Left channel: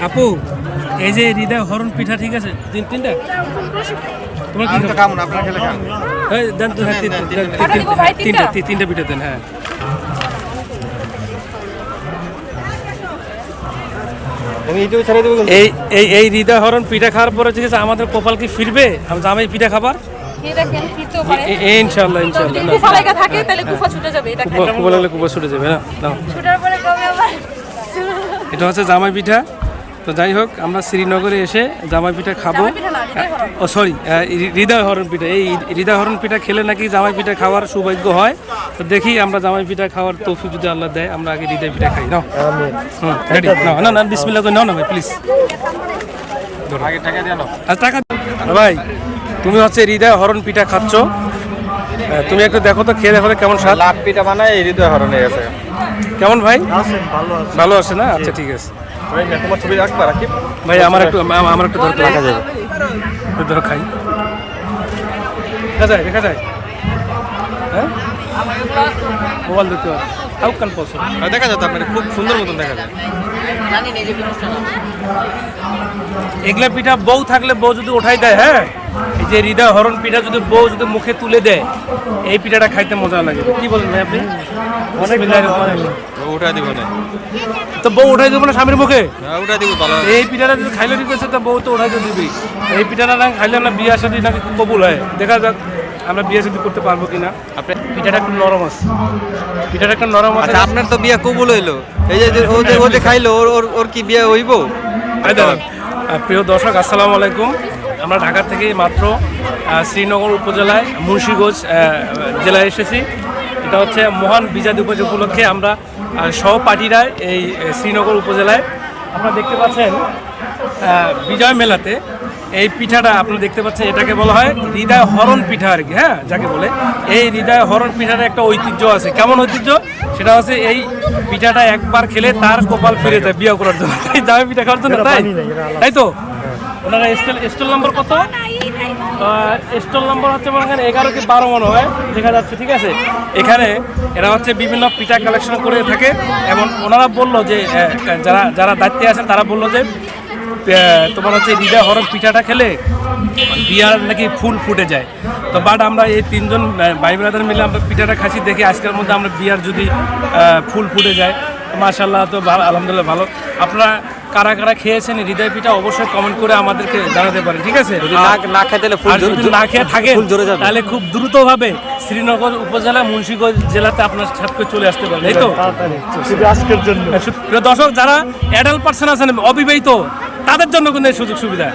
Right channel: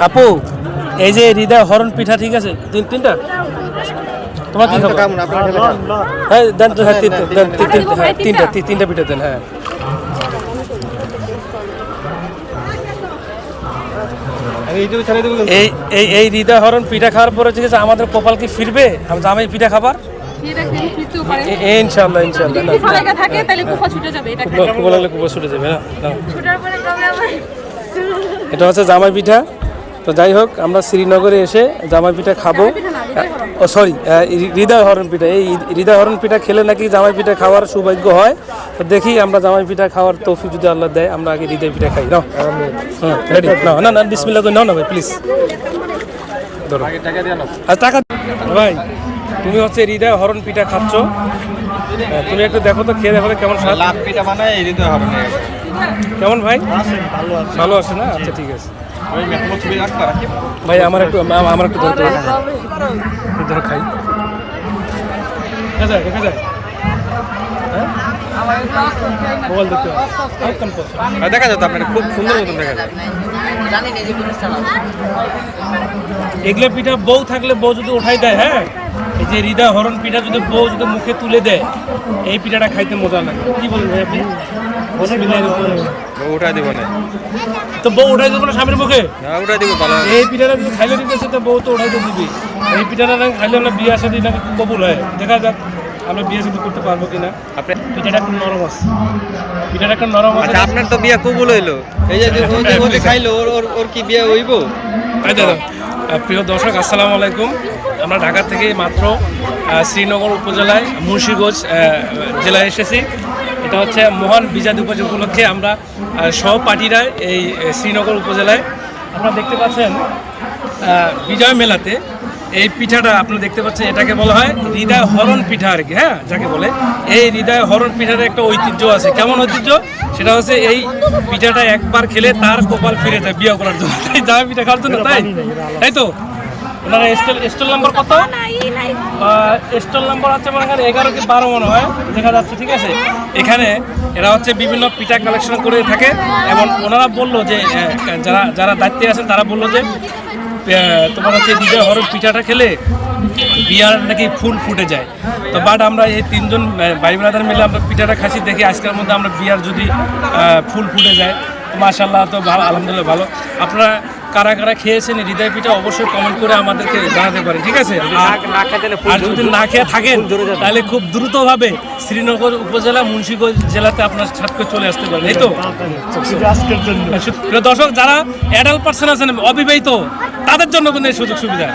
আপু এই যে হৃদয় হরণ পিঠা ঠিক আছে? তিন তিনটা? তোমার কি আপনার হ্যাঁ দেন তো হ্যাঁ হ্যাঁ তিনটা তিনটা পিঠা দেন হ্যাঁ। এই এই এই হৃদয় হরণ পিঠা খাওয়ার পরে ঠিক আছে আমাদের কপাল কি ফিরবে? আমি জামাই পিঠা খাবার। ইনশাল্লাহ ইনশাল্লাহ ছুটে যাবে না ভাই এটা হচ্ছে জামাই পিঠা। তো যাই হোক আমরা শ্রীনগরে এসে জামাই পিঠা খাব। ও সরি হৃদয় হরণ পিঠা। এই হৃদয় হরণ পিঠা খেলে নাকি জামাই পিঠা খাওয়ার সৌভাগ্য হয়? তো দেখি আমরা জামাই পিঠা খাওয়ার তৌফিক যদি আল্লাহ দেয় আমরা আগে হৃদয় পিঠা খাই। নাও। হুম রেডি না না না বিসমিল্লাহ করে নাও না ভাই প্লিজ ধরো। টাকা ভাই তুমি হচ্ছে হৃদয় হরণ পিঠা খাচ্ছ। হ্যাঁ, তুমি একটু দেখো তো খেয়ে দেখো কেমন স্বাদ। লাখ পিঠা বানায় এই হৃদয় হরণে গেছে। কেমন ভাই? ভালো আছে ভালো আছে না? আচ্ছা ঠিক আছে। ওই ছবি রাখতে রাখি। ভাই আমার একটু আমা- আমার একটু ধরতে দেখা যায়। একটু ধরো খাই। দেখা যায় দেখা যায়। হ্যাঁ? মোবাইল দেখতে আর দেখা যায় তো আপনার খুব সুন্দর মতন দেখা যায়। এগুলো পিঠা বউ থাকলে বউ যদি ওঠাই দেয় হ্যাঁ? এই যে হৃদয় হরণ পিঠা যদি বউ যদি মুখে তুলে দেয় এই পিঠাটা খাইতে মজা লাগে। কি বলেন ভাই আপনি। উঠা দিব না। তো বউ উঠাই দেবো না স্বামীর মুখে? হ্যাঁ উঠা দিব ভালো এই পিঠাটা যদি খাইলে দিতেছে তো বউ তো উঠাইতে দিবি। এই পিঠাটা না খাইলে না বিয়ে সাথে নাকি খুব কবুল হয়? দেখা যাক আমরা বিয়ে সাথে করতে পারব কিনা। আপনি পিঠাটা একটু নরম আছে। পিঠাটা একটু নরম আছে। আচ্ছা আপনার তো বিয়ে কবুল হইল। এই যে যে- ও যে ও যে খাইলো ওর কি বিয়ে হইব? দেখো, আহ, প্রিয় দর্শক আসসালামু আলাইকুম। আমরা ঢাকা থেকে মাত্র শ্রীনগর উপজেলায় মুন্সিগঞ্জ জেলায় এসেছি। এটা হচ্ছে মহান বিজাদ উপজ উপলক্ষে আমরা সহপাঠীরা এই শ্রীনগর উপজেলায়। আপনারা দেখতে পাচ্ছেন বিজয় মেলাতে এই পিঠাটা আপনারা দেখতে পাচ্ছেন, এটাকে বলা হয় হৃদয় হরণ পিঠা আর কি হ্যাঁ যাকে বলে। এই হৃদয় হরণ পিঠার একটা ঐতিহ্য আছে। কেমন ঐতিহ্য? সেটা হচ্ছে এই পিঠাটা একবার খেলে তার কপাল ফিরে যায় বিয়ে করার জন্য। তাই পিঠা খাওয়ার জন্য, তাই? তাই তো? ওনার স্টল স্টল নাম্বার কত? স্টল নাম্বার হচ্ছে মনে হয় এগারো কি বারো মনে হয় দেখা যাচ্ছে ঠিক আছে? এখানে এরা হচ্ছে বিভিন্ন পিঠা কালেকশন করে থাকে এবং ওনারা বলল যে যারা যারা দায়িত্বে আছেন তারা বলল যে তোমার হচ্ছে হৃদয় হরণ পিঠাটা খেলে বিয়ার নাকি ফুল ফুটে যায়। তো বাট আমরা এই তিনজন ভাই ব্রাদার মিলে আমরা পিঠাটা খাসি দেখি আজকের মধ্যে আমরা বিয়ার যদি ফুল ফুটে যায় মাশাল্লাহ তো ভালো আলহামদুলিল্লাহ ভালো। আপনারা কারা কারা খেয়েছেন হৃদয় পিঠা অবশ্যই কমেন্ট করে আমাদেরকে জানাতে পারেন ঠিক আছে? আর- যদি না খেয়ে থাকেন তাহলে খুব দ্রুতভাবে শ্রীনগর উপজেলা মুন্সিগঞ্জ জেলাতে আপনার ছাত্র চলে আসতে পারেন এই তো? দর্শক যারা অ্যাডাল্ট পার্সন আছেন অবিবাহিত তাদের জন্য কিন্তু এই সুযোগ সুবিধা।